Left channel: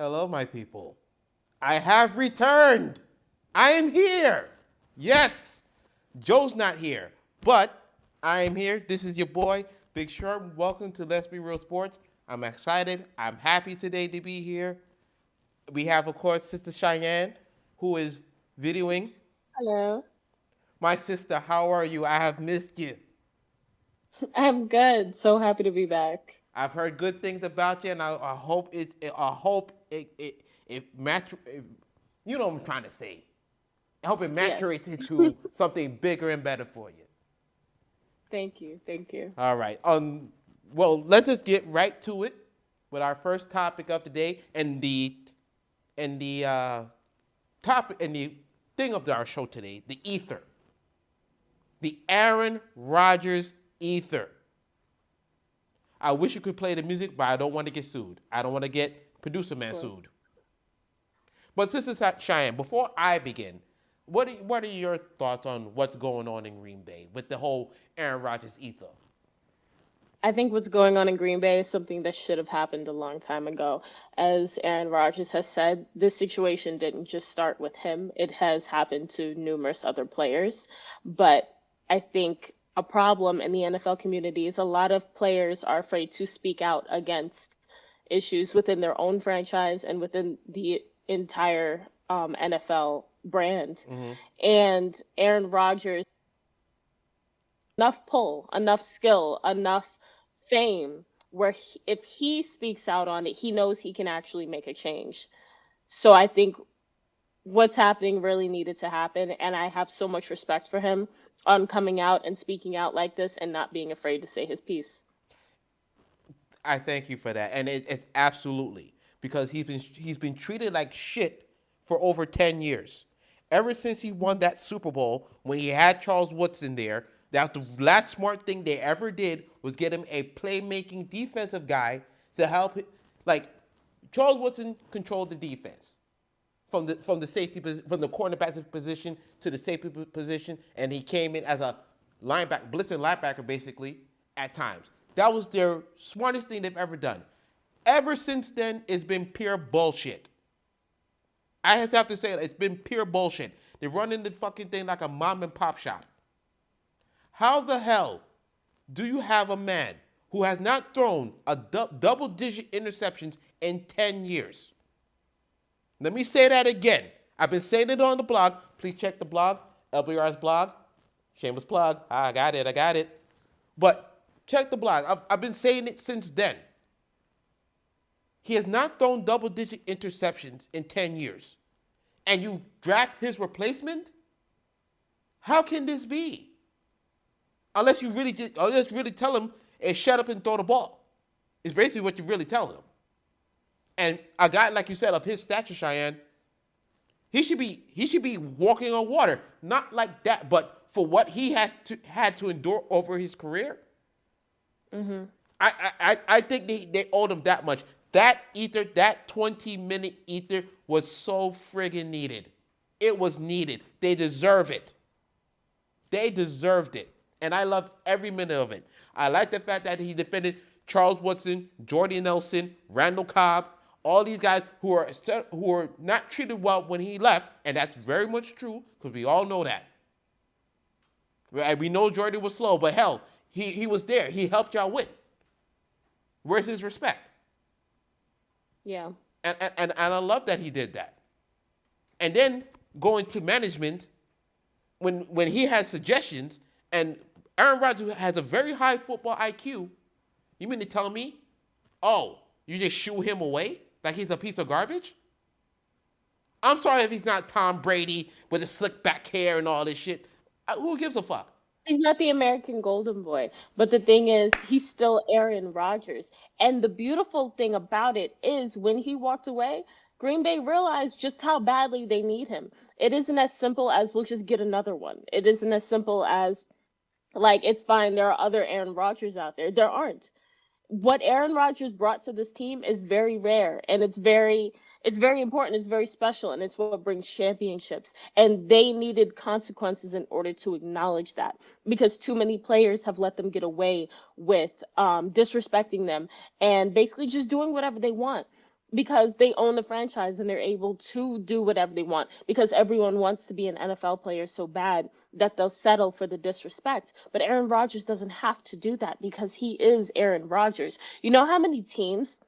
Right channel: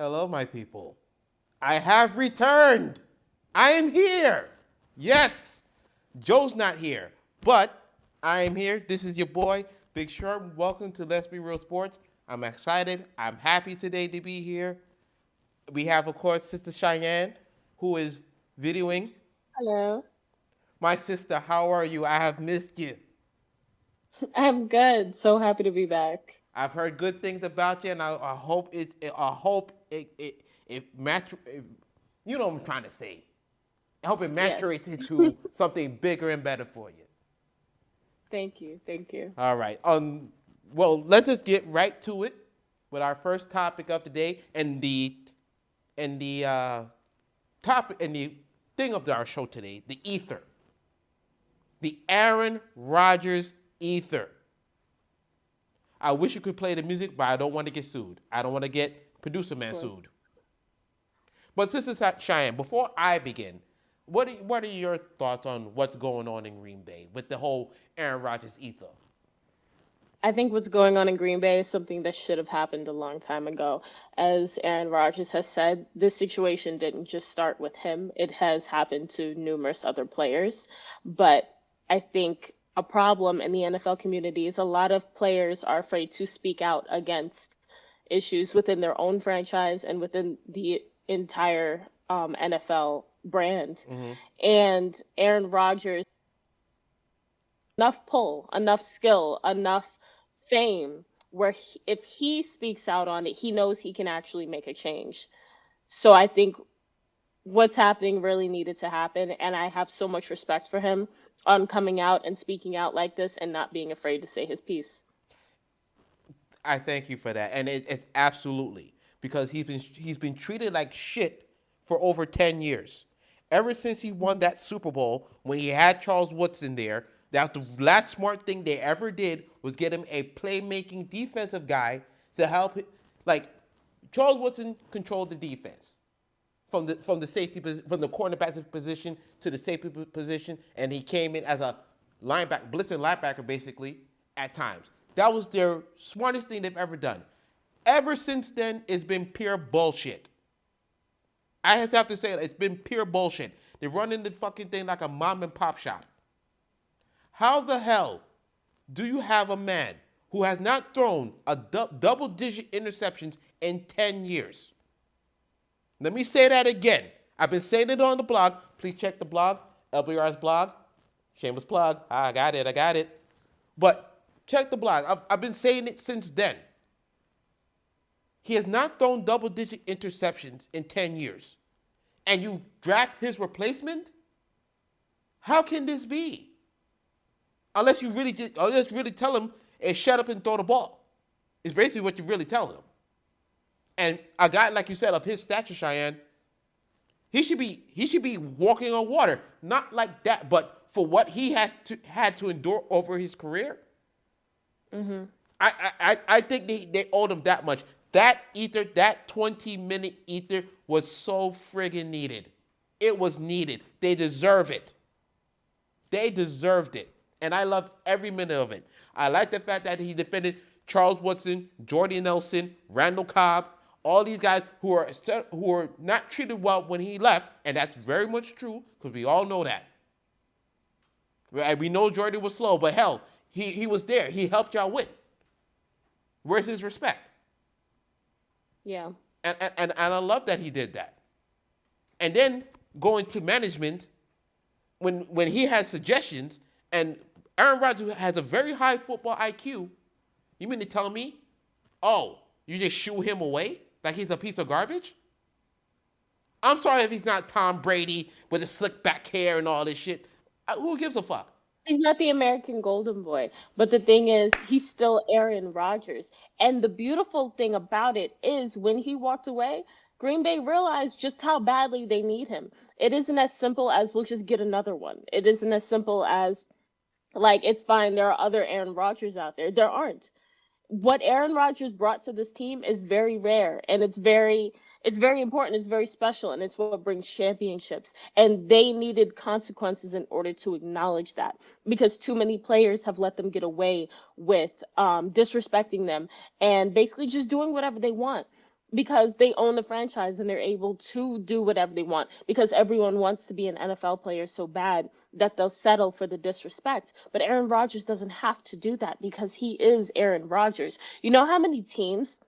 Hello, my people. I have returned. I am here. Yes, Joe's not here, but I am here. This is your boy, Big Sharp. Welcome to Let's Be Real Sports. I'm excited. I'm happy today to be here. We have, of course, Sister Cheyenne, who is videoing. Hello. My sister, how are you? I have missed you. I'm good. So happy to be back. I've heard good things about you, and I hope I hope it match. You know what I'm trying to say. I hope it Yes. maturates into something bigger and better for you. Thank you. Thank you. All right. Well, let's just get right to it with our first topic of the day and the topic and the thing of our show today, the ether, the Aaron Rodgers ether. I wish you could play the music, but I don't want to get sued. I don't want to get producer Of man course. sued. But Sister Cheyenne, before I begin, what are your thoughts on what's going on in Green Bay with the whole Aaron Rodgers ether? I think what's going on in Green Bay is something that should have happened a long time ago. As Aaron Rodgers has said, this situation didn't just start with him, it has happened to numerous other players. But I think a problem in the NFL community is a lot of players are afraid to speak out against issues within their own franchise and within the entire NFL brand. Mm-hmm. And Aaron Rodgers, enough pull, enough skill, enough fame where if he speaks out on it, he knows he can actually make a change. So I think what's happening really needed to happen. And I have so much respect for him on coming out and speaking out like this and not being afraid to say his piece. I thank you for that, and it's absolutely because he's been treated like shit for over 10 years. Ever since he won that Super Bowl, when he had Charles Woodson there, that's the last smart thing they ever did was get him a playmaking defensive guy to help. Like Charles Woodson controlled the defense from the safety from the cornerback position to the safety position, and he came in as a linebacker, blitzing linebacker basically at times. That was their smartest thing they've ever done. Ever since then, it's been pure bullshit. I have to say it's been pure bullshit. They're running the fucking thing like a mom and pop shop. How the hell do you have a man who has not thrown a double-digit interceptions in 10 years? Let me say that again. I've been saying it on the blog. Please check the blog, LBRS blog. Shameless plug. I got it. I got it. But check the blog. I've been saying it since then. He has not thrown double-digit interceptions in 10 years. And you draft his replacement? How can this be? Unless you really tell him, hey, shut up and throw the ball. It's basically what you're really telling him. And a guy like you said of his stature, Cheyenne, he should be walking on water. Not like that, but for what he had to endure over his career, Hmm. I think they owed him that much. That ether, that 20-minute ether was so friggin' needed. It was needed. They deserve it. They deserved it. And I loved every minute of it. I like the fact that he defended Charles Woodson, Jordy Nelson, Randall Cobb, all these guys who are not treated well when he left, and that's very much true because we all know that. Right? We know Jordy was slow, but hell, he was there. He helped y'all win. Where's his respect? Yeah. And I love that he did that. And then going to management, when he has suggestions, and Aaron Rodgers has a very high football IQ, you mean to tell me, oh, you just shoo him away like he's a piece of garbage? I'm sorry if he's not Tom Brady with his slick back hair and all this shit. Who gives a fuck? He's not the American Golden Boy, but the thing is, he's still Aaron Rodgers. And the beautiful thing about it is when he walked away, Green Bay realized just how badly they need him. It isn't as simple as we'll just get another one. It isn't as simple as like it's fine, there are other Aaron Rodgers out there. There aren't. What Aaron Rodgers brought to this team is very rare and it's very important, it's very special, and it's what brings championships. And they needed consequences in order to acknowledge that because too many players have let them get away with disrespecting them and basically just doing whatever they want. because they own the franchise and they're able to do whatever they want because everyone wants to be an NFL player so bad that they'll settle for the disrespect. But Aaron Rodgers doesn't have to do that because he is Aaron Rodgers. You know how many teams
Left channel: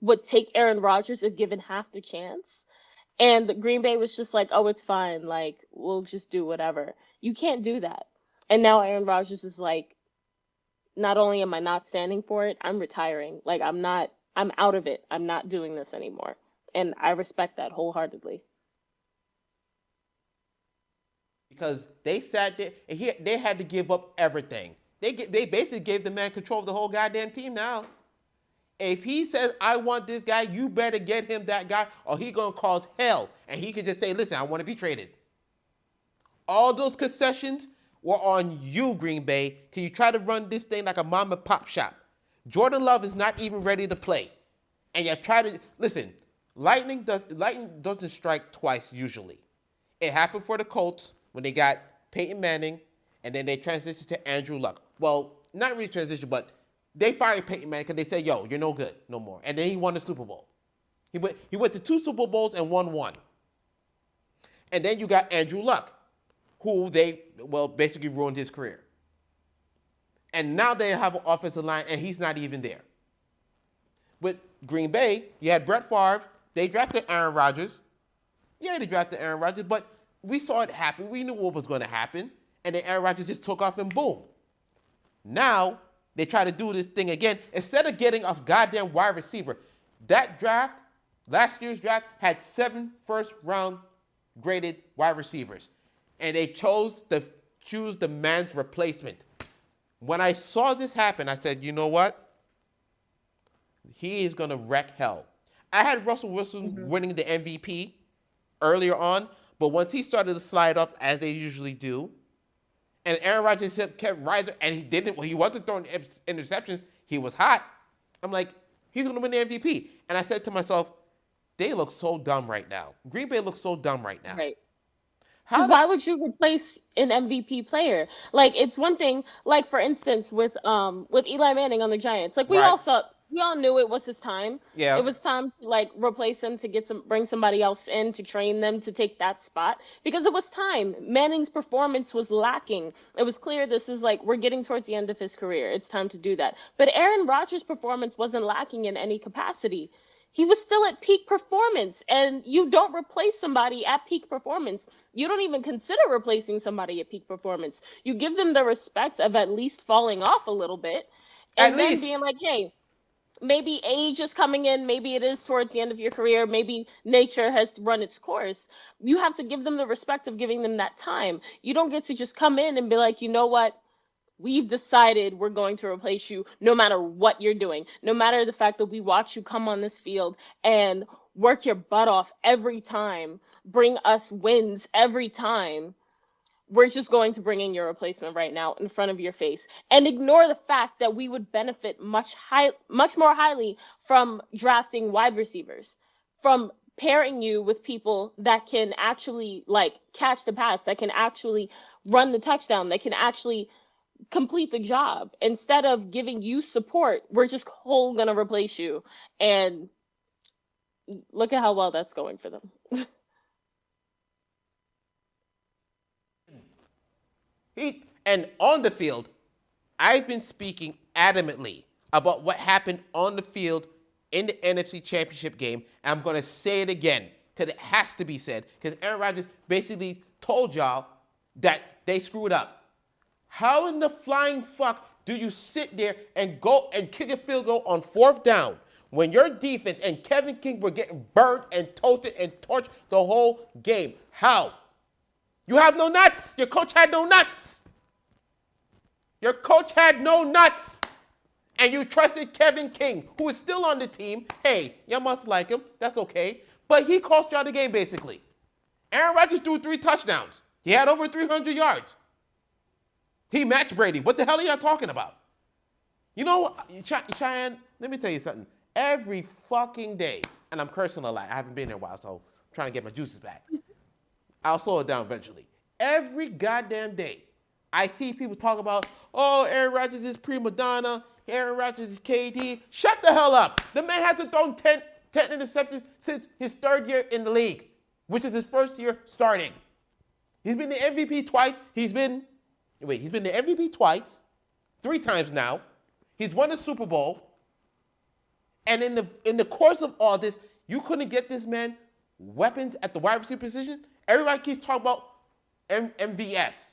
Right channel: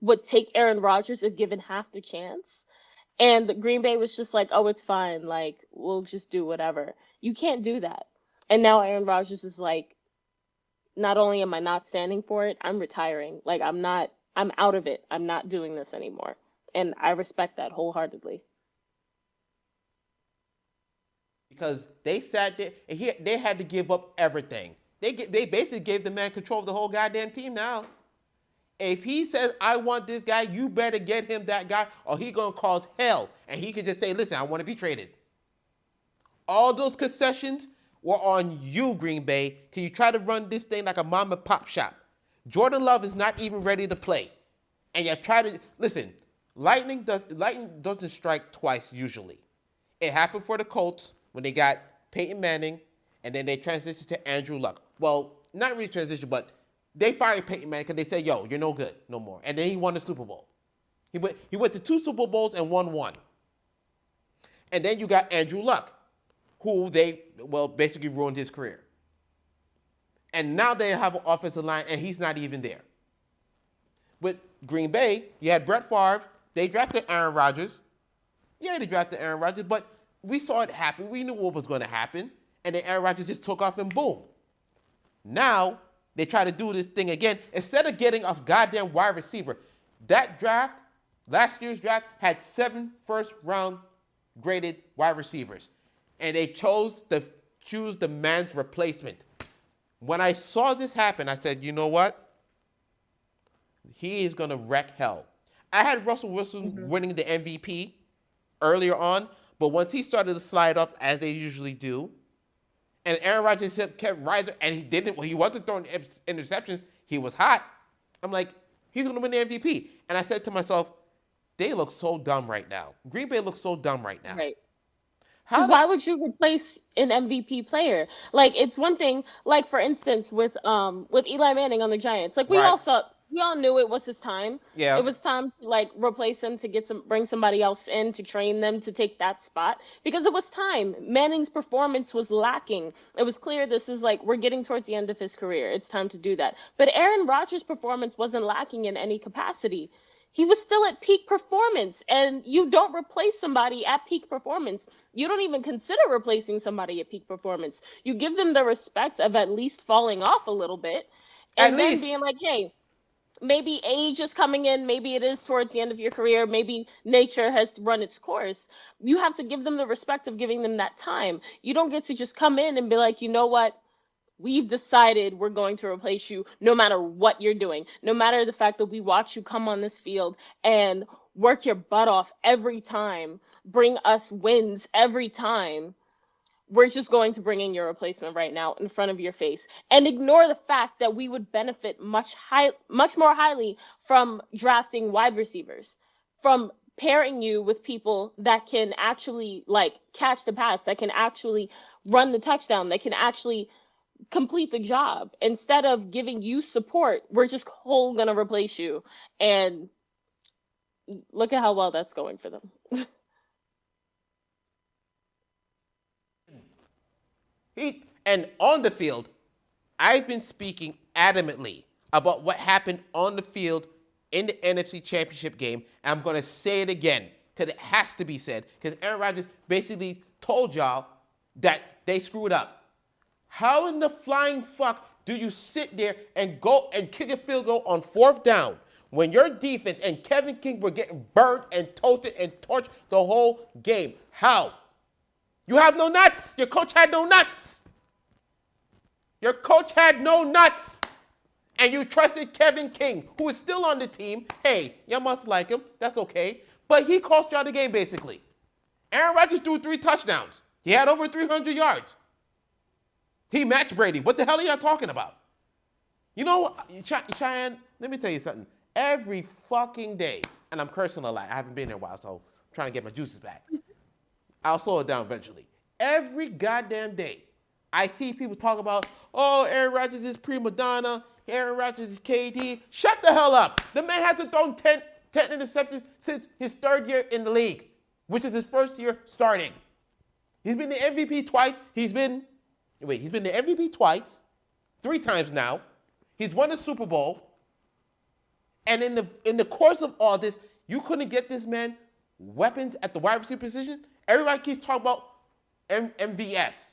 would take Aaron Rodgers if given half the chance? And the Green Bay was just like, "Oh, it's fine. Like, we'll just do whatever." You can't do that. And now Aaron Rodgers is like, not only am I not standing for it, I'm retiring. Like I'm out of it. I'm not doing this anymore. And I respect that wholeheartedly. Because they sat there and they had to give up everything. They basically gave the man control of the whole goddamn team now. If he says, I want this guy, you better get him that guy, or he going to cause hell. And he can just say, listen, I want to be traded. All those concessions were on you, Green Bay, because you try to run this thing like a mom and pop shop. Jordan Love is not even ready to play. And you try to, listen, lightning doesn't strike twice usually. It happened for the Colts when they got Peyton Manning, and then they transitioned to Andrew Luck. Well, not really transition, but they fired Peyton Manning because they said, yo, you're no good, no more. And then he won the Super Bowl. He went to 2 Super Bowls and won 1. And then you got Andrew Luck, who basically ruined his career. And now they have an offensive line, and he's not even there. With Green Bay, you had Brett Favre. They drafted Aaron Rodgers. Yeah, they drafted Aaron Rodgers, but we saw it happen. We knew what was going to happen. And then Aaron Rodgers just took off and boom. Now, they try to do this thing again. Instead of getting a goddamn wide receiver, that draft, last year's draft, had 7 first-round graded wide receivers. And they chose to choose the man's replacement. When I saw this happen, I said, you know what? He is going to wreck hell. I had Russell Wilson winning the MVP earlier on, but once he started to slide up, as they usually do, and Aaron Rodgers kept rising, and he wasn't throwing interceptions, he was hot. I'm like, he's going to win the MVP. And I said to myself, they look so dumb right now. Green Bay looks so dumb right now. Right. Why would you replace an MVP player? Like, it's one thing, like for instance with Eli Manning on the Giants. Like we all knew it was his time. Yeah. It was time to like replace him to bring somebody else in to train them to take that spot because it was time. Manning's performance was lacking. It was clear this is like we're getting towards the end of his career. It's time to do that. But Aaron Rodgers' performance wasn't lacking in any capacity. He was still at peak performance, and you don't replace somebody at peak performance. You don't even consider replacing somebody at peak performance. You give them the respect of at least falling off a little bit, and then being like, hey, maybe age is coming in, maybe it is towards the end of your career, maybe nature has run its course. You have to give them the respect of giving them that time. You don't get to just come in and be like, you know what? We've decided we're going to replace you no matter what you're doing, no matter the fact that we watch you come on this field and work your butt off every time, bring us wins every time. We're just going to bring in your replacement right now in front of your face and ignore the fact that we would benefit much more highly from drafting wide receivers, from pairing you with people that can actually like catch the pass, that can actually run the touchdown, that can actually complete the job. Instead of giving you support, we're just whole gonna replace you. And look at how well that's going for them. And on the field, I've been speaking adamantly about what happened on the field in the NFC Championship game. And I'm going to say it again because it has to be said. Because Aaron Rodgers basically told y'all that they screwed up. How in the flying fuck do you sit there and go and kick a field goal on 4th down when your defense and Kevin King were getting burnt and toasted and torched the whole game? How? You have no nuts. Your coach had no nuts. Your coach had no nuts. And you trusted Kevin King, who is still on the team. Hey, y'all must like him. That's okay. But he cost y'all the game, basically. Aaron Rodgers threw 3 touchdowns. He had over 300 yards. He matched Brady. What the hell are y'all talking about? You know, Cheyenne, let me tell you something. Every fucking day, and I'm cursing a lot. I haven't been there in a while, so I'm trying to get my juices back. I'll slow it down eventually. Every goddamn day, I see people talk about, oh, Aaron Rodgers is prima donna. Aaron Rodgers is KD. Shut the hell up. The man hasn't thrown 10 interceptions since his third year in the league, which is his first year starting. He's been the MVP twice. He's been the MVP twice, 3 times now. He's won a Super Bowl. And in the course of all this, you couldn't get this man weapons at the wide receiver position. Everybody keeps talking about MVS,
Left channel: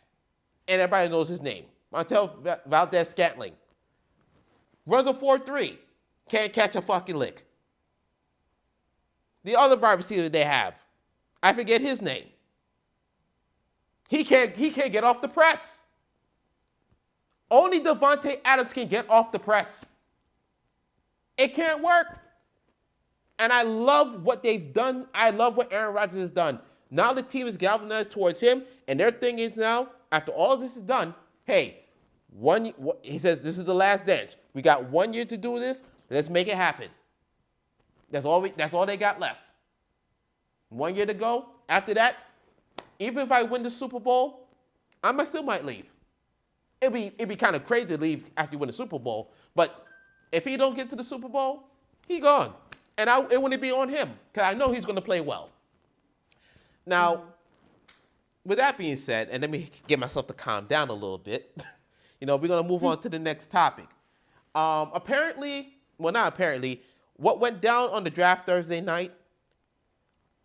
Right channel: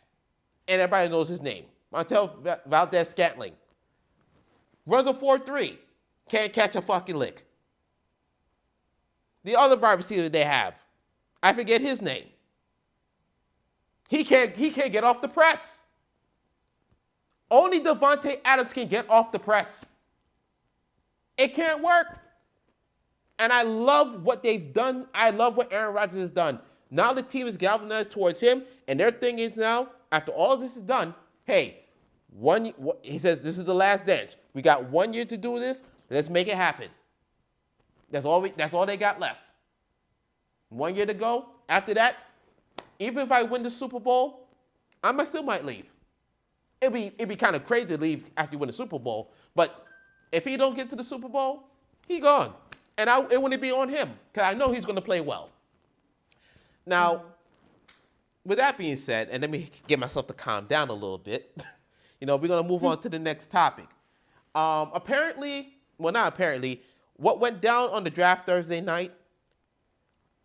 and everybody knows his name. Montel Valdez-Scantling. Runs a 4.3. Can't catch a fucking lick. The other wide receiver they have, I forget his name. He can't get off the press. Only Devontae Adams can get off the press. It can't work. And I love what they've done. I love what Aaron Rodgers has done. Now the team is galvanized towards him, and their thing is now, after all this is done, hey, he says this is the last dance. We got 1 year to do this. Let's make it happen. That's all they got left. 1 year to go. After that, even if I win the Super Bowl, I still might leave. It'd be kind of crazy to leave after you win the Super Bowl, but if he don't get to the Super Bowl, he gone. And it wouldn't be on him, because I know he's going to play well. Now, with that being said, and let me get myself to calm down a little bit, we're going to move on to the next topic. Apparently, well, not apparently, what went down on the draft Thursday night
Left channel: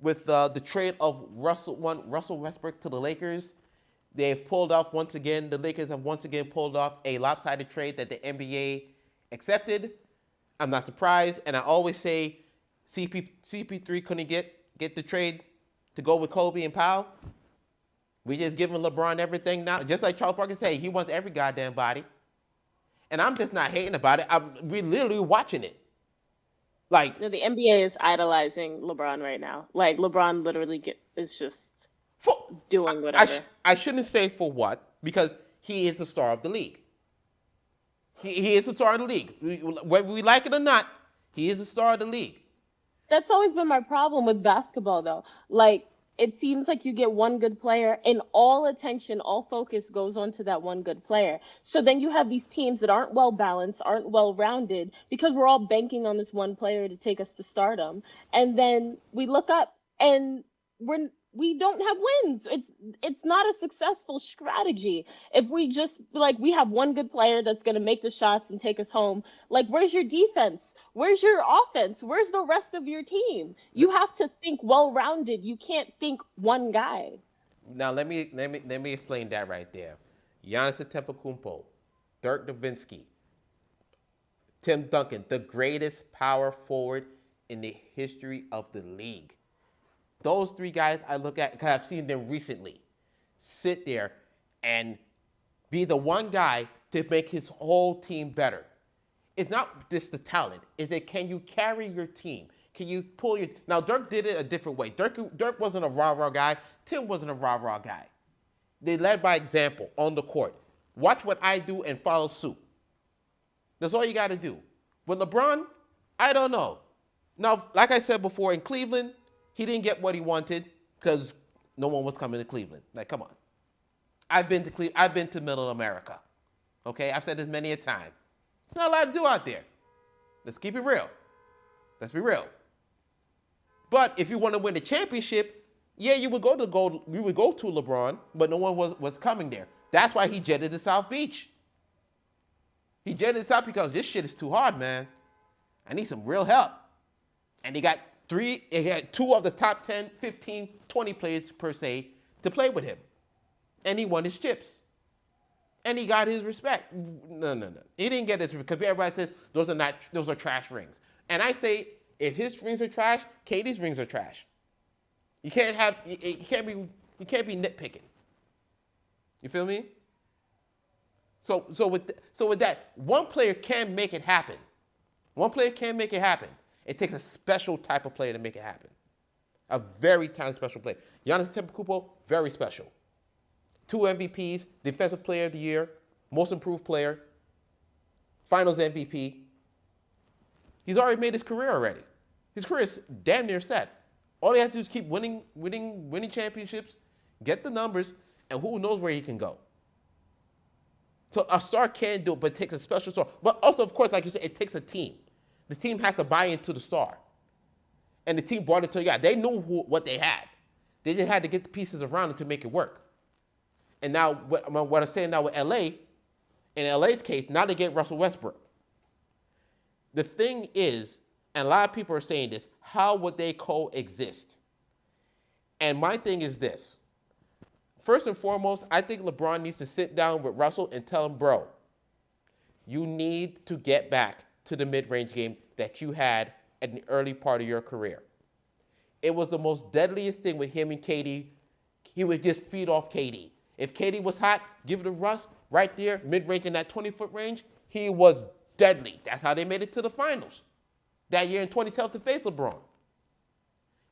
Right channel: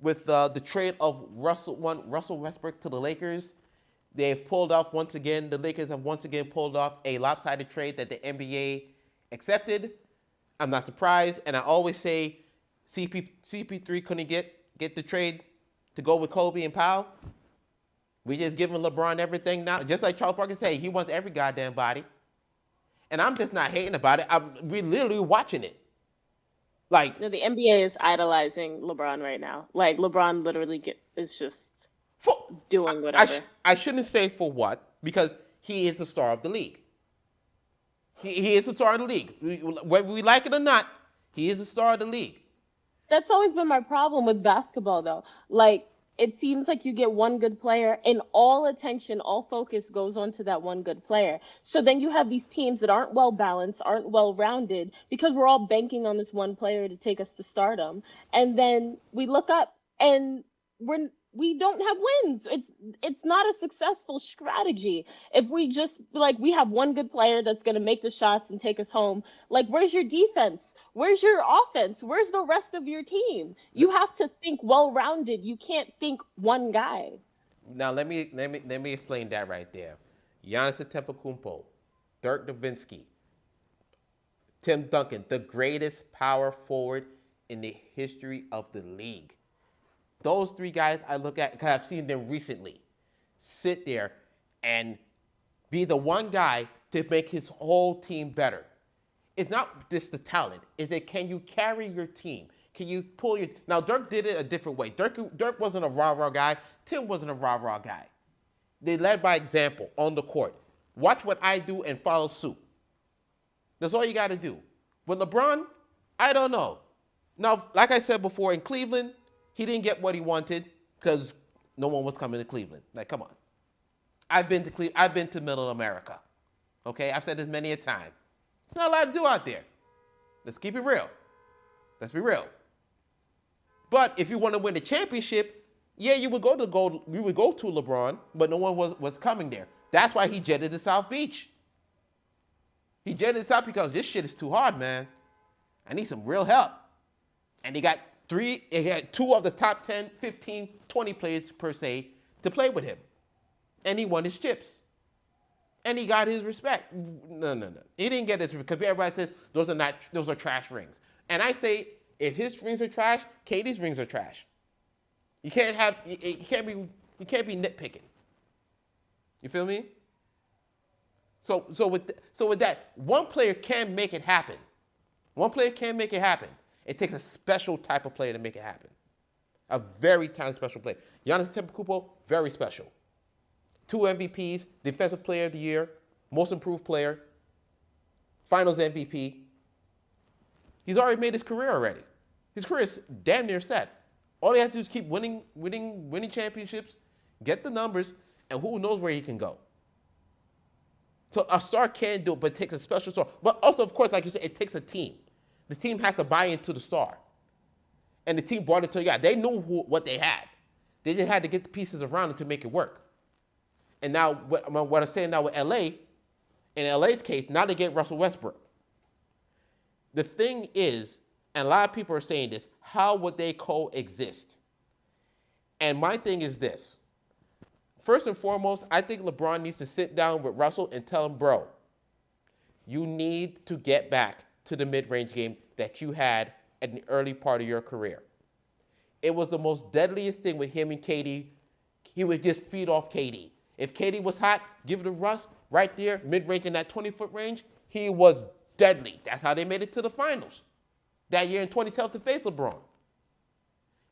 with the trade of Russell Westbrook to the Lakers, they've pulled off once again, the Lakers have once again pulled off a lopsided trade that the NBA accepted. I'm not surprised, and I always say CP3 couldn't get the trade to go with Kobe and Powell. We just giving LeBron everything now, just like Charles Barkley said, he wants every goddamn body. And I'm just not hating about it. We're literally watching it. Like, the NBA is idolizing LeBron right now. Like, LeBron literally is just doing whatever. I shouldn't say for what, because he is the star of the league. He is the star of the league. Whether we like it or not, he is the star of the league. That's always been my problem with basketball, though. Like, it seems like you get one good player, and all attention, all focus goes onto that one good player. So then you have these teams that aren't well-balanced, aren't well-rounded, because we're all banking on this one player to take us to stardom. And then we look up, and we don't have wins. It's not a successful strategy. If we just, we have one good player that's going to make the shots and take us home, where's your defense? Where's your offense? Where's the rest of your team? You have to think well-rounded. You can't think one guy. Now, let me explain that right there. Giannis Antetokounmpo, Dirk Nowitzki, Tim Duncan, the greatest power forward in the history of the league. Those 3 guys I look at, because I've seen them recently, sit there and be the one guy to make his whole team better. It's not just the talent. It's that can you carry your team? Can you pull your... Now, Dirk did it a different way. Dirk wasn't a rah-rah guy. Tim wasn't a rah-rah guy. They led by example on the court. Watch what I do and follow suit. That's all you got to do. With LeBron, I don't know. Now, like I said before, in Cleveland, he didn't get what he wanted because no one was coming to Cleveland. Like, come on. I've been to Middle America. Okay? I've said this many a time. There's not a lot to do out there. Let's keep it real. Let's be real. But if you want to win the championship, yeah, you would go to LeBron, but no one was coming there. That's why he jetted to South Beach. He jetted south because this shit is too hard, man. I need some real help. And he had 2 of the top 10, 15, 20 players per se to play with him. And he won his chips. And he got his respect. No. He didn't get his respect because everybody says those are trash rings. And I say, if his rings are trash, KD's rings are trash. You can't be nitpicking. You feel me? So with that, one player can make it happen. One player can make it happen. It takes a special type of player to make it happen. A very talented special player. Giannis Antetokounmpo, very special. 2 MVPs, Defensive Player of the Year, Most Improved Player, Finals MVP. He's already made his career already. His career is damn near set. All he has to do is keep winning championships, get the numbers, and who knows where he can go. So a star can do it, but it takes a special star. But also, of course, like you said, it takes a team. The team has to buy into the star. And the team brought it to They knew what they had. They just had to get the pieces around it to make it work. And now, what I'm saying now with LA, in LA's case, now they get Russell Westbrook. The thing is, and a lot of people are saying this, how would they coexist? And my thing is this. First and foremost, I think LeBron needs to sit down with Russell and tell him, bro, you need to get back to the mid-range game that you had at the early part of your career. It was the most deadliest thing with him and KD. He would just feed off KD. If KD was hot, give it to Russ right there, mid-range in that 20-foot range. He was deadly. That's how they made it to the finals that year in 2012 to face LeBron.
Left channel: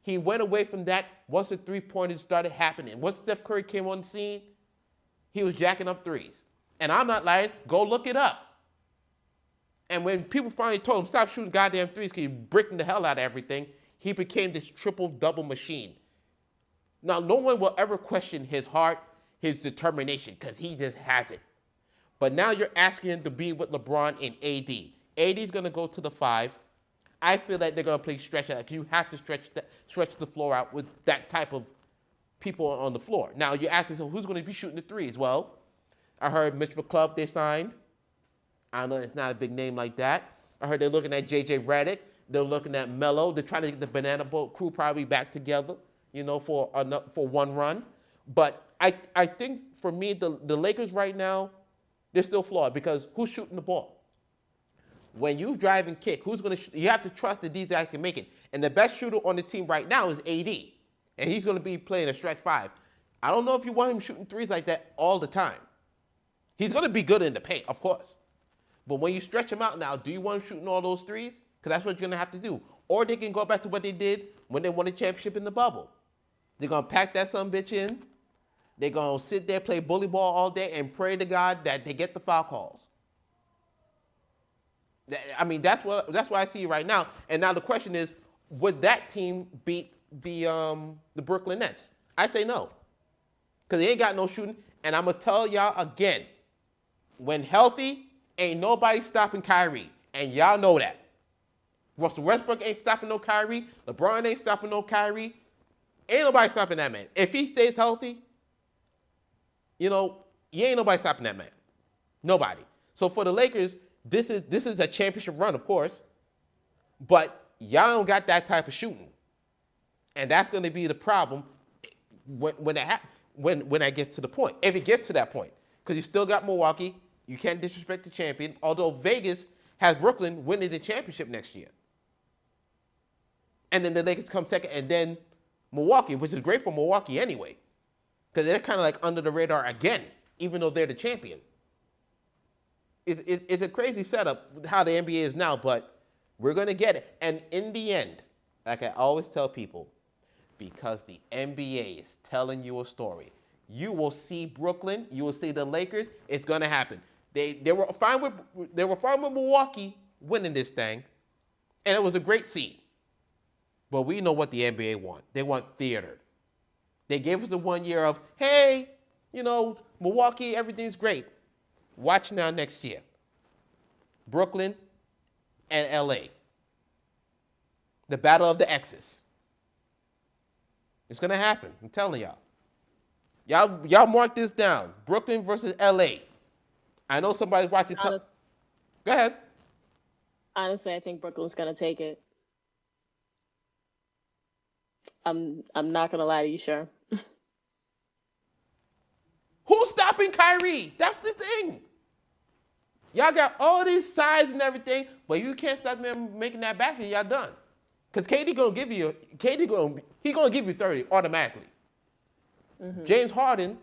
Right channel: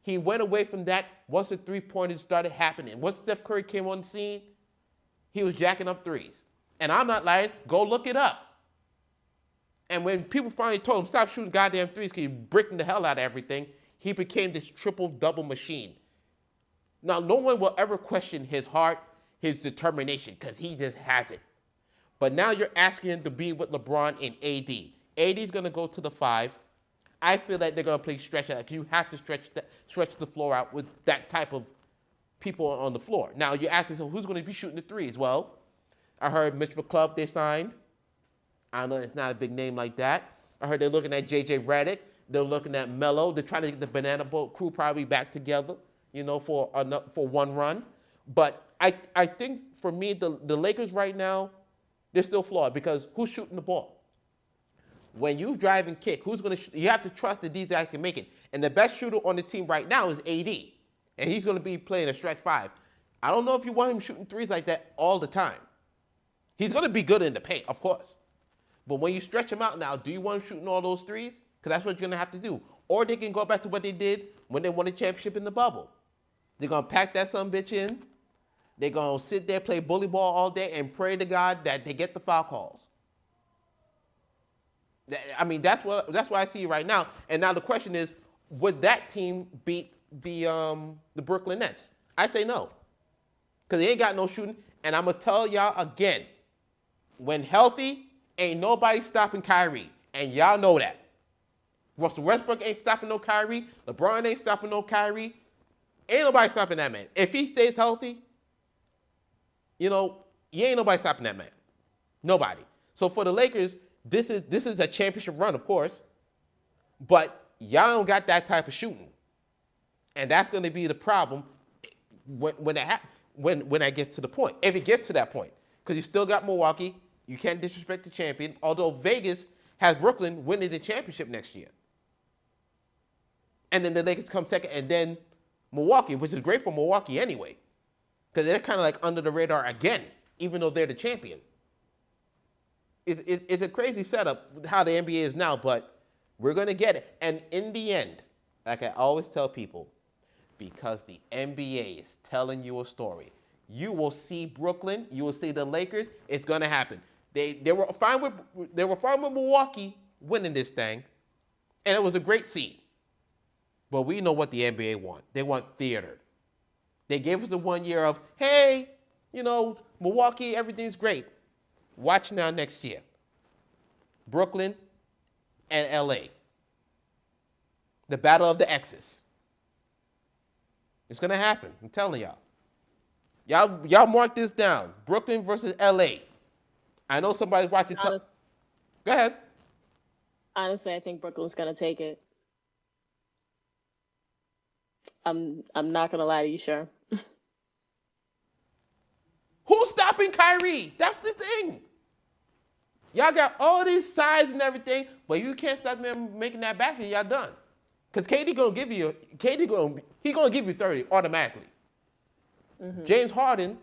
He went away from that once the three-pointers started happening. Once Steph Curry came on the scene, he was jacking up threes. And I'm not lying. Go look it up. And when people finally told him, stop shooting goddamn threes because you're breaking the hell out of everything, he became this triple-double machine. Now, no one will ever question his heart, his determination, because he just has it. But now you're asking him to be with LeBron and AD. AD's going to go to the 5. I feel like they're going to play stretch out. You have to stretch the floor out with that type of people on the floor. Now, you ask yourself, who's going to be shooting the threes? Well, I heard Mitch McClub they signed. I know it's not a big name like that. I heard they're looking at J.J. Redick. They're looking at Melo. They're trying to get the Banana Boat crew probably back together, for one run. But I think for me, the Lakers right now, they're still flawed because who's shooting the ball? When you drive and kick, who's going to you have to trust that these guys can make it. And the best shooter on the team right now is AD. And he's going to be playing a stretch 5. I don't know if you want him shooting threes like that all the time. He's going to be good in the paint, of course. But when you stretch him out now, do you want him shooting all those threes? Because that's what you're going to have to do. Or they can go back to what they did when they won the championship in the bubble. They're going to pack that sumbitch in. They're going to sit there, play bully ball all day, and pray to God that they get the foul calls. I mean, that's what I see right now. And now the question is, would that team beat the Brooklyn Nets? I say no. Because they ain't got no shooting. And I'm going to tell y'all again, when healthy, ain't nobody stopping Kyrie. And y'all know that. Russell Westbrook ain't stopping no Kyrie. LeBron ain't stopping no Kyrie. Ain't nobody stopping that man. If he stays healthy, you ain't nobody stopping that man. Nobody. So for the Lakers, this is a championship run, of course. But y'all don't got that type of shooting. And that's going to be the problem when that gets to the point. If it gets to that point. Because you still got Milwaukee. You can't disrespect the champion. Although Vegas has Brooklyn winning the championship next year. And then the Lakers come second. And then Milwaukee, which is great for Milwaukee anyway. Because they're kind of like under the radar again, even though they're the champion. It's a crazy setup how the NBA is now, but we're going to get it. And in the end, like I always tell people, because the NBA is telling you a story, you will see Brooklyn, you will see the Lakers, it's going to happen. They were fine with Milwaukee winning this thing, and it was a great seed. But we know what the NBA want. They want theater. They gave us the 1 year of, hey, Milwaukee, everything's great. Watch now next year. Brooklyn and LA. The battle of the X's. It's going to happen. I'm telling y'all. Y'all mark this down. Brooklyn versus LA. I know somebody's watching. Go ahead. Honestly, I think Brooklyn's going to take it. I'm not going to lie to you, sure. Who's stopping Kyrie? That's the thing. Y'all got all these size and everything, but you can't stop them making that basket. Y'all done. Because KD gonna give you 30 automatically. Mm-hmm. James Harden,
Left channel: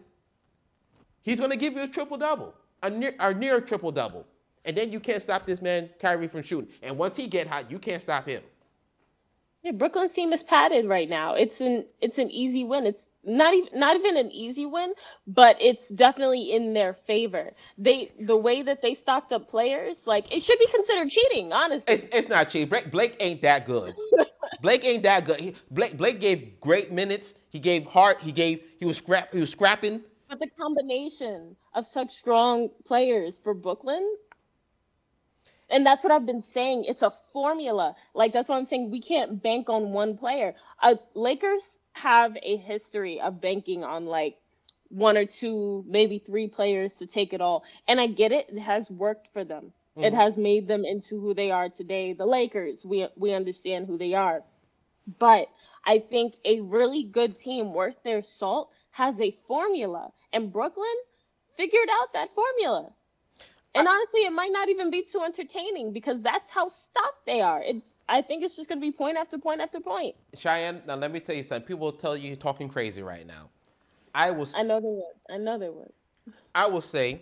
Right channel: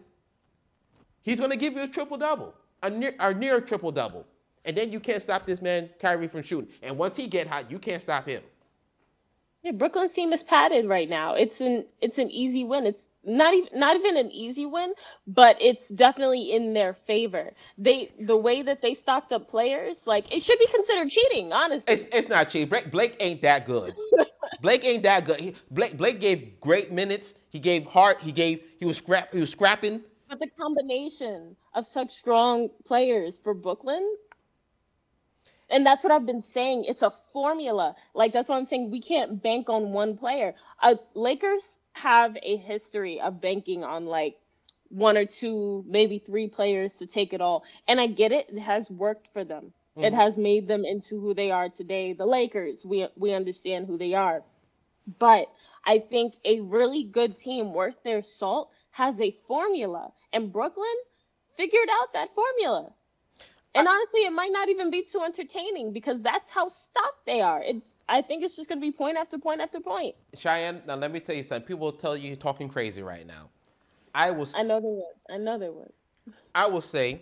he's gonna give you a triple-double, a near triple-double. And then you can't stop this man, Kyrie, from shooting. And once he get hot, you can't stop him. Yeah, Brooklyn's team is padded right now. It's an easy win. It's not even an easy win, but it's definitely in their favor. The way that they stocked up players, like, it should be considered cheating, honestly. It's not cheating. Blake ain't that good. Blake ain't that good. Blake gave great minutes. He gave heart. He was scrapping. But the combination of such strong players for Brooklyn. And that's what I've been saying. It's a formula. Like that's what I'm saying. We can't bank on one player. Lakers have a history of banking on like one or two, maybe three players to take it all. And I get it. It has worked for them. It Hmm. has made them into who they are today. The Lakers, we understand who they are. But I think a really good team worth their salt has a formula. And Brooklyn figured out that formula. I, And honestly, it might not even be too entertaining because that's how stuck they are. I think it's just gonna be point after point after point. Cheyenne, now let me tell you something. People will tell you you're talking crazy right now. I was I know they would. I know they would. I will say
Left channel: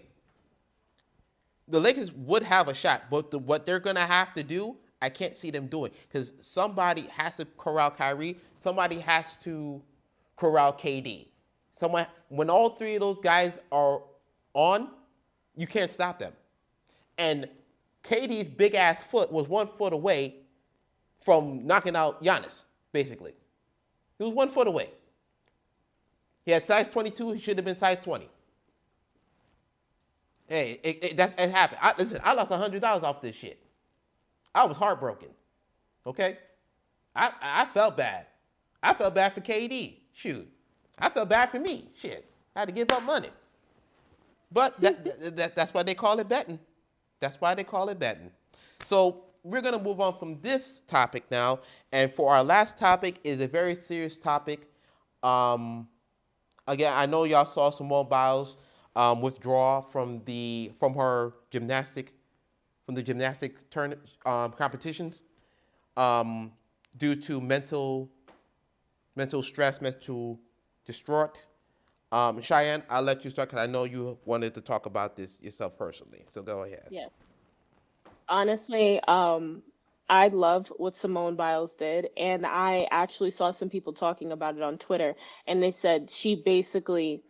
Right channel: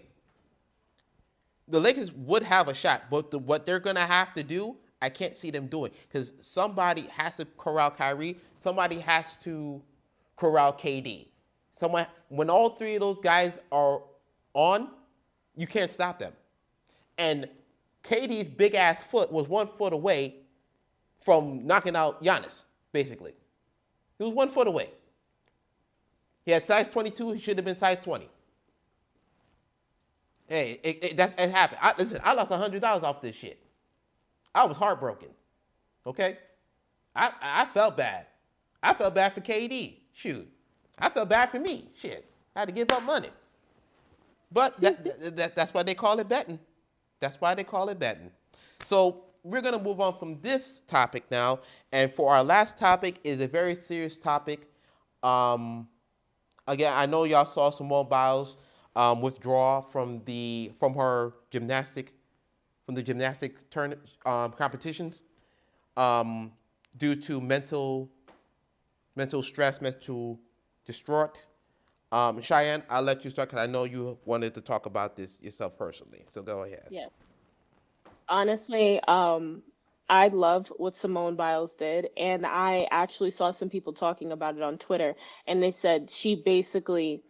the Lakers would have a shot, but what they're gonna have to do, I can't see them doing because somebody has to corral Kyrie, somebody has to corral KD. Someone when all three of those guys are on, you can't stop them. And KD's big ass foot was 1 foot away from knocking out Giannis, basically. He was 1 foot away. He had size 22, he should have been size 20. Hey, it happened. Listen, I lost $100 off this shit. I was heartbroken. Okay? I felt bad. I felt bad for KD. Shoot. I felt bad for me. Shit. I had to give up money. But that's why they call it betting. That's why they call it betting. So we're going to move on from this topic now. And for our last topic is a very serious topic. Um, Again, I know y'all saw Simone Biles withdraw from her gymnastic competitions um, due to mental stress, mental distraught. Cheyenne, I'll let you start because I know you wanted to talk about this yourself personally. So go ahead. Yes. Honestly, I love what Simone Biles did, and I actually saw some people talking about it on Twitter, and they said she basically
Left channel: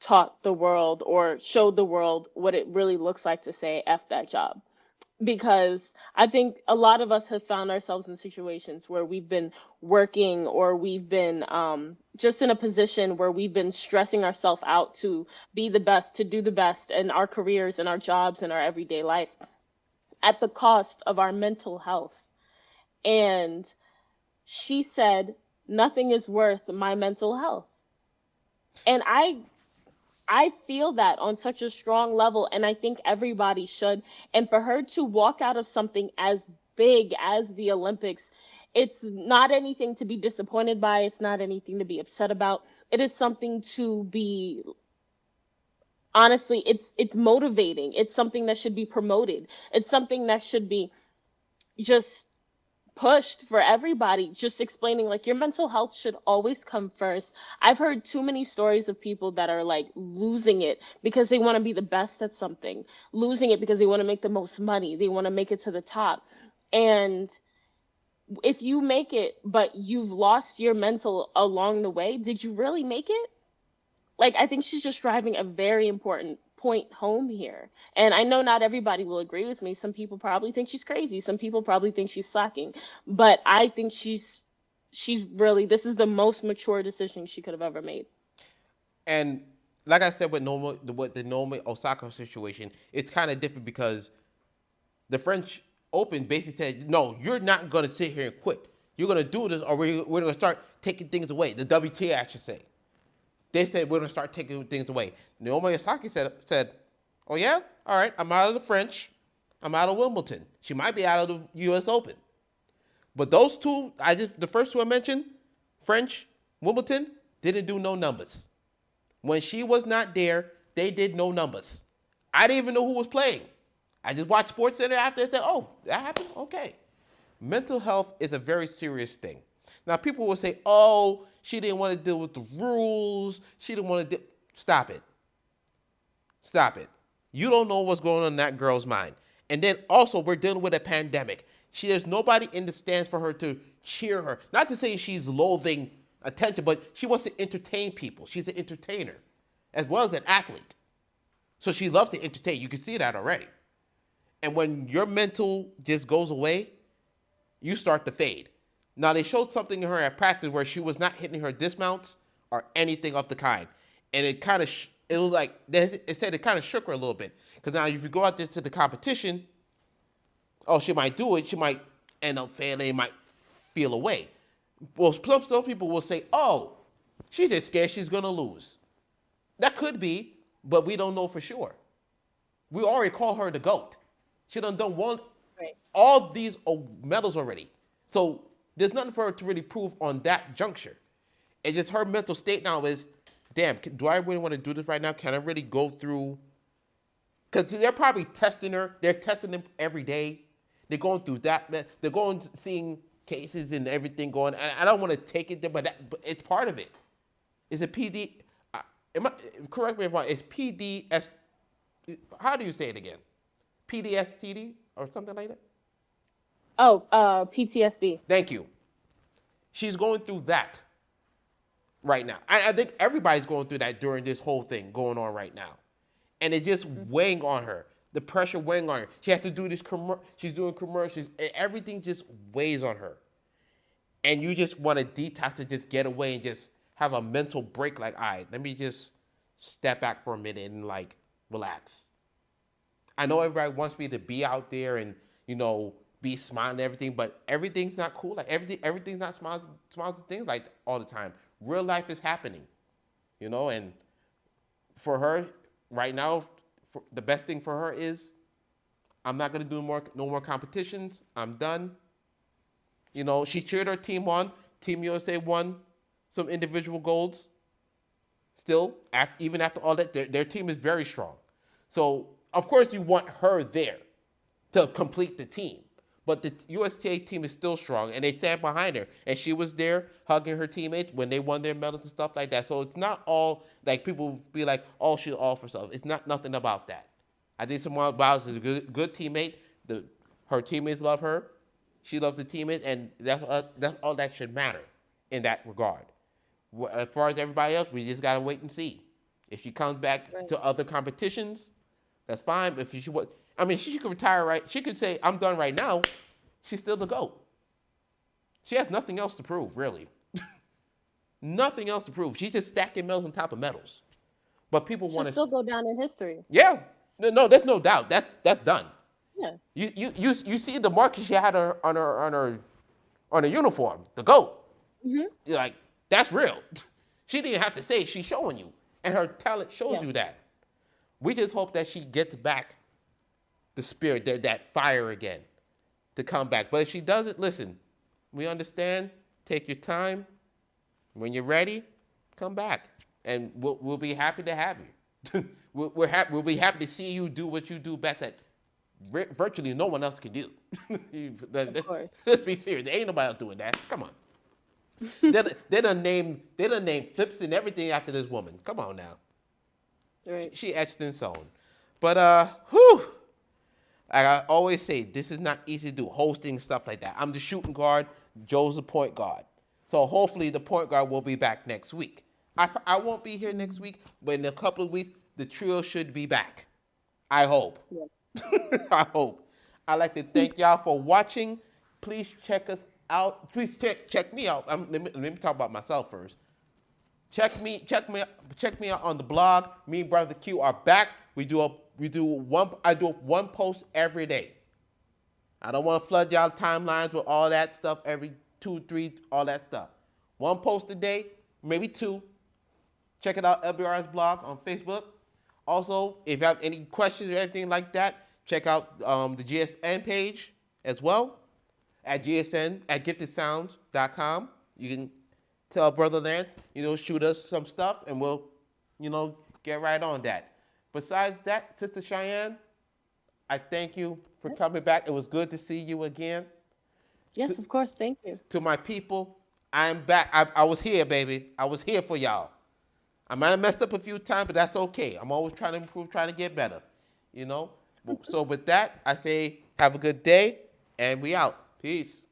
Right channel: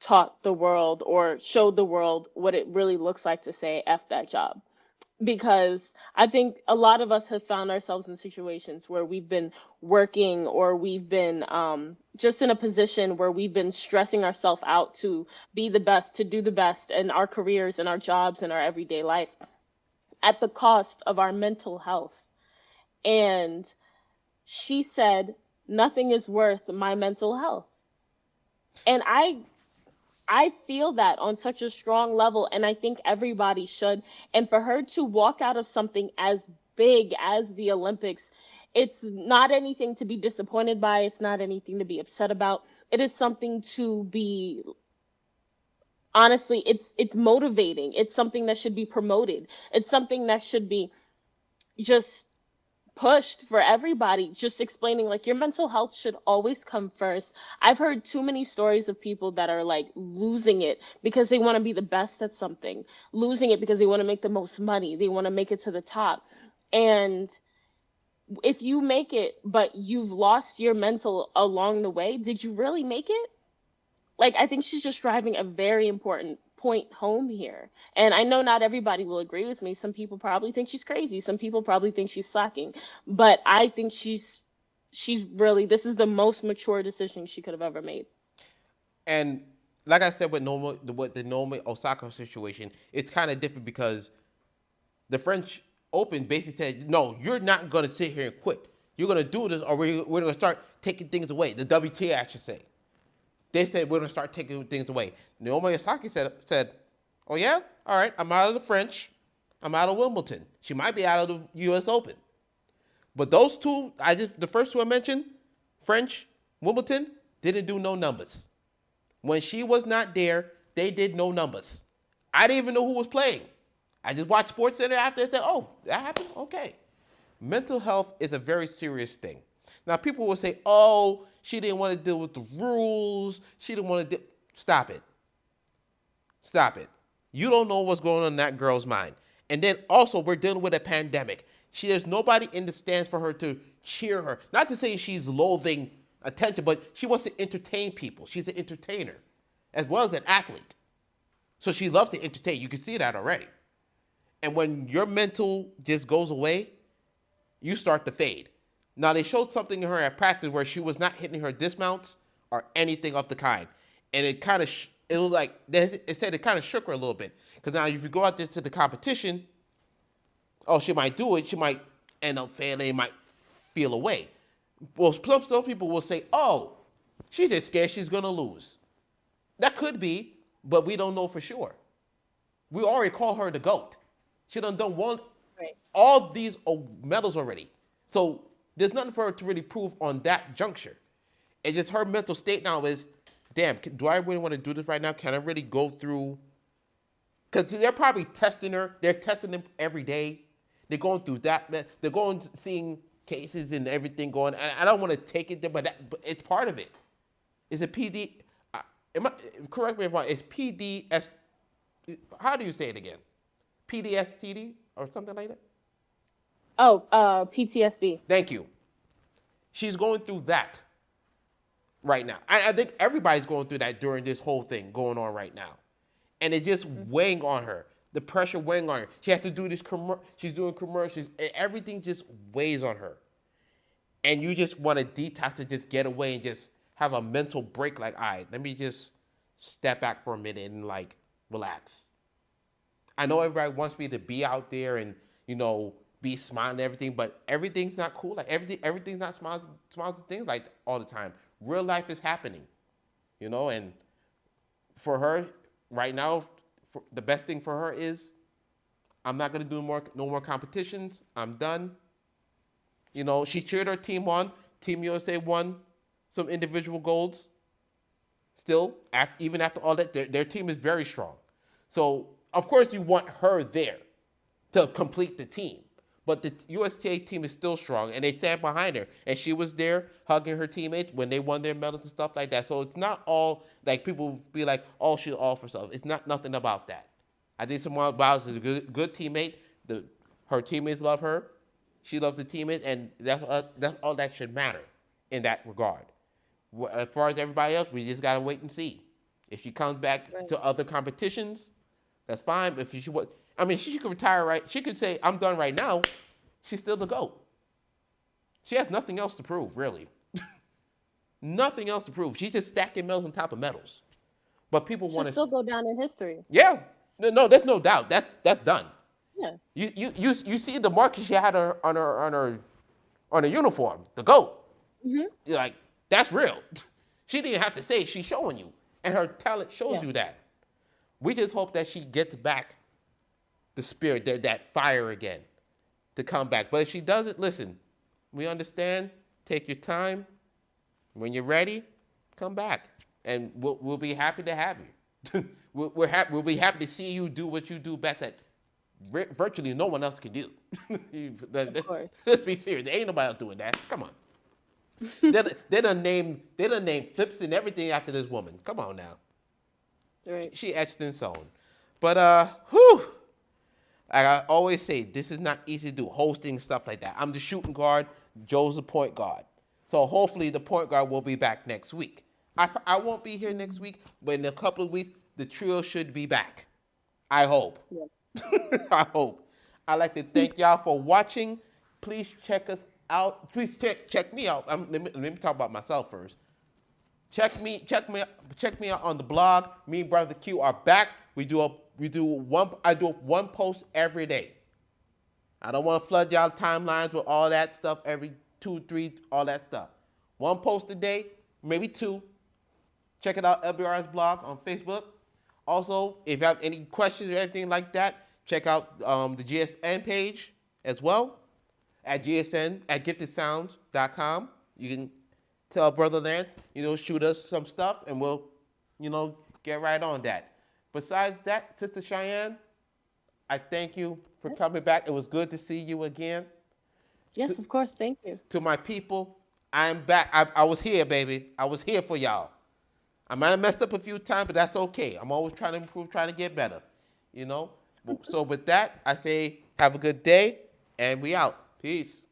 taught the world or showed the world what it really looks like to say F that job. Because I think a lot of us have found ourselves in situations where we've been working or we've been just in a position where we've been stressing ourselves out to be the best, to do the best in our careers and our jobs and our everyday life at the cost of our mental health. And she said, nothing is worth my mental health. And I feel that on such a strong level, and I think everybody should. And for her to walk out of something as big as the Olympics, it's not anything to be disappointed by. It's not anything to be upset about. It is something to be honestly, it's motivating. It's something that should be promoted. It's something that should be just pushed for everybody, just explaining like your mental health should always come first. I've heard too many stories of people that are like losing it because they want to be the best at something, losing it because they want to make the most money, they want to make it to the top. And if you make it but you've lost your mental along the way, did you really make it? Like I think she's just driving a very important point home here. And I know not everybody will agree with me. Some people probably think she's crazy. Some people probably think she's slacking. But I think she's really this is the most mature decision she could have ever made. And like I said, with the Naomi Osaka situation, it's kind of different because the French Open basically said, no, you're not going to sit here and quit. You're going to do this, or we're going to start taking things away. The WTA, I should say. They said we're going to start taking things away. Naomi Osaka said, oh yeah, all right, I'm out of the French. I'm out of Wimbledon. She might be out of the U.S. Open. But those two, the first two I mentioned, French, Wimbledon, didn't do no numbers. When she was not there, they did no numbers. I didn't even know who was playing. I just watched SportsCenter after and said, oh, that happened? Okay. Mental health is a very serious thing. Now, people will say, oh, she didn't want to deal with the rules. She didn't want to deal. Stop it. Stop it. You don't know what's going on in that girl's mind. And then also, we're dealing with a pandemic. There's nobody in the stands for her to cheer her. Not to say she's loathing attention, but she wants to entertain people. She's an entertainer as well as an athlete. So she loves to entertain. You can see that already. And when your mental just goes away, you start to fade. Now, they showed something in her at practice where she was not hitting her dismounts or anything of the kind. And it kind of, it was like, it said it kind of shook her a little bit. Because now if you go out there to the competition, Oh, she might do it. She might end up failing. Might feel away. Well, some people will say, "Oh, she's just scared she's gonna lose." That could be, but we don't know for sure. We already call her the GOAT. She done won Right. all these medals already. So there's nothing for her to really prove on that juncture. It's just her mental state now is, damn, do I really want to do this right now? Can I really go through? Because they're probably testing her. They're testing them every day. They're going through that. They're going seeing cases and everything going. And I don't want to take it there, but it's part of it. Is it PD? Correct me if I'm wrong. It's PDS. How do you say it again? PDSTD or something like that? Oh, PTSD. Thank you. She's going through that right now. I think everybody's going through that during this whole thing going on right now. And it's just weighing on her. The pressure weighing on her. She has to do this she's doing commercials. And everything just weighs on her. And you just want to detox to just get away and just have a mental break. Like, all right, let me just step back for a minute and like relax. I know everybody wants me to be out there and, be smiling and everything, but everything's not cool. Like everything's not smiles and things like all the time. Real life is happening, and for her right now, the best thing for her is I'm not gonna do no more competitions. I'm done. She cheered her team on. Team USA won some individual golds. Still, even after all that, their team is very strong. So of course you want her there to complete the team. But the USTA team is still strong, and they stand behind her. And she was there hugging her teammates when they won their medals and stuff like that. So it's not all like people be like, "Oh, she's all for herself." It's nothing about that. I think Simone Biles is a good teammate. Her teammates love her. She loves the teammates, and that's all that should matter in that regard. As far as everybody else, we just gotta wait and see. If she comes back to other competitions, that's fine. But if she could retire right. She could say, "I'm done right now." She's still the GOAT. She has nothing else to prove, really. Nothing else to prove. She's just stacking medals on top of medals. But people want to still go down in history. Yeah, no, there's no doubt. That's done. Yeah. You see the mark she had on her uniform, the GOAT. Mm-hmm. You're like, that's real. She didn't have to say it. She's showing you, and her talent shows you that. We just hope that she gets back the spirit, that fire again, to come back. But if she doesn't, listen, we understand. Take your time. When you're ready, come back, and we'll be happy to have you. We'll be happy to see you do what you do best that virtually no one else can do. Let's be serious. There ain't nobody else doing that. Come on. they done named flips and everything after this woman. Come on now. Right. She etched and sewn. But whew. Like I always say, this is not easy to do, hosting, stuff like that. I'm the shooting guard. Joe's the point guard. So hopefully the point guard will be back next week. I won't be here next week, but in a couple of weeks, the trio should be back. I hope. Yeah. I hope. I'd like to thank y'all for watching. Please check us out. Please check me out. Let me talk about myself first. Check me out on the blog. Me and Brother Q are back. I do one post every day. I don't want to flood y'all timelines with all that stuff every 2, 3, all that stuff. One post a day, maybe 2. Check it out, LBRS blog on Facebook. Also, if you have any questions or anything like that, check out the GSN page as well at giftedsounds.com. You can tell Brother Lance, shoot us some stuff, and we'll, get right on that. Besides that, Sister Cheyenne, I thank you for coming back. It was good to see you again. Yes, of course. Thank you. To my people, I'm back. I was here, baby. I was here for y'all. I might have messed up a few times, but that's okay. I'm always trying to improve, trying to get better. So with that, I say have a good day, and we out. Peace.